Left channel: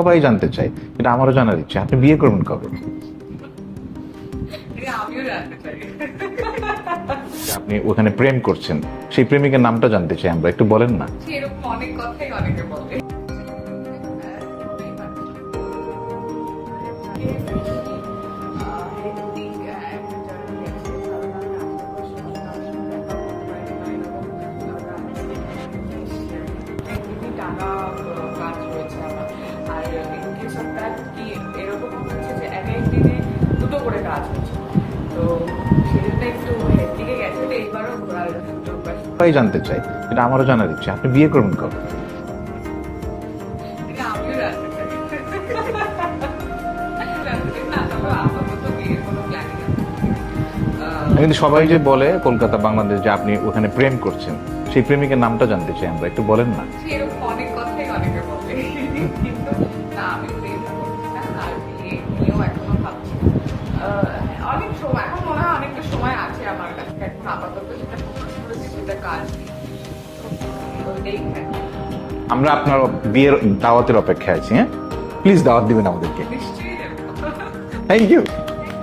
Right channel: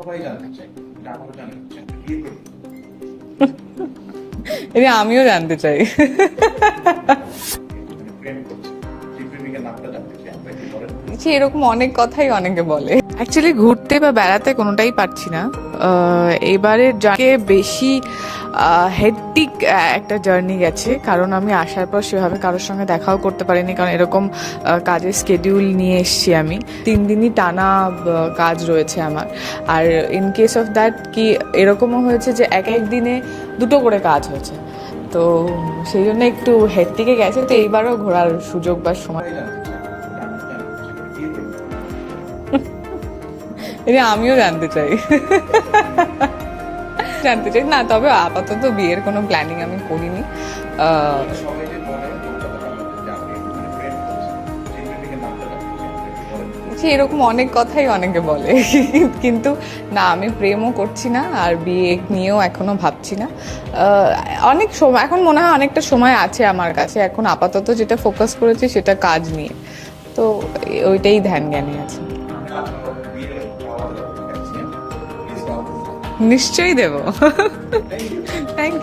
সবাই জানতে চায়, এটা আমারও জানার ইচ্ছে, আপনি বিয়ে করবেন কবে? এটা আমিও জানতে চাই। আপনি ওখানে প্রেম করছেন, সেই প্রেমিকের নামটা জানতে চাই আমরা, একটু বলেন না। যে এরকম অনেক কথাই অনেকে বলে। অ্যাকচুয়ালি ঘুরতে বা বেড়াতে কোনোটাই পারছি না। এবারে যাকে বেশি হেডটিক একটা জার্নি গেছে, কারণ আমি আসার পর সেভাবে কারোর সঙ্গে দেখাও করতে পারিনি, কারণ এরকম কাজের স্কেডিউল নিয়ে এসছি আমি। 3 দিনই টানা কাজ রয়েছে আমার। আর ইন কেস অফ দ্যাট কি এরকমও হয়েছে যে এক এক দিনে 2টো করে কাজ হয়েছে, তো সেই জন্য একটু হেডটিকে গেছে। তো এইবারও ঘোরার সুযোগ বা সময় সবাই জানতে চায়, এটা আমারও জানার ইচ্ছে, আপনি বিয়ে করবেন কবে? এটা আমিও জানতে চাই। জানতে চাই না, তবে আপাতত বিয়ের কোনো প্ল্যানিং আমি করিনি। কিন্তু সবাই যে বলে কলকাতা বাংলাদেশ যে আপনি ওখানে প্রেম করছেন, সেই প্রেমিকের নামটা জানতে চাই আমরা, একটু বলেন না। যে এরকম অনেক কথাই অনেকে বলে, কিন্তু না, আমি প্রেমও করছি না আর বিয়ে নিয়েও এখনো ভাবছি না। অনেক সময়, এখন মনে হয় অনেকটা সময় আছে আমার কাছে। এখন আপাতত যেটা ফোকাস করেছি সেটা কাজ নিয়ে, তো ওইটাই ধ্যান জ্ঞানে আছে। আমরা আপনার বিয়ের দাওয়াতের অপেক্ষায় আছি, হ্যাঁ প্লিজ দাওয়াত দিবেন আমাদের। নিশ্চয়ই দেবো। Thank you. থ্যাংক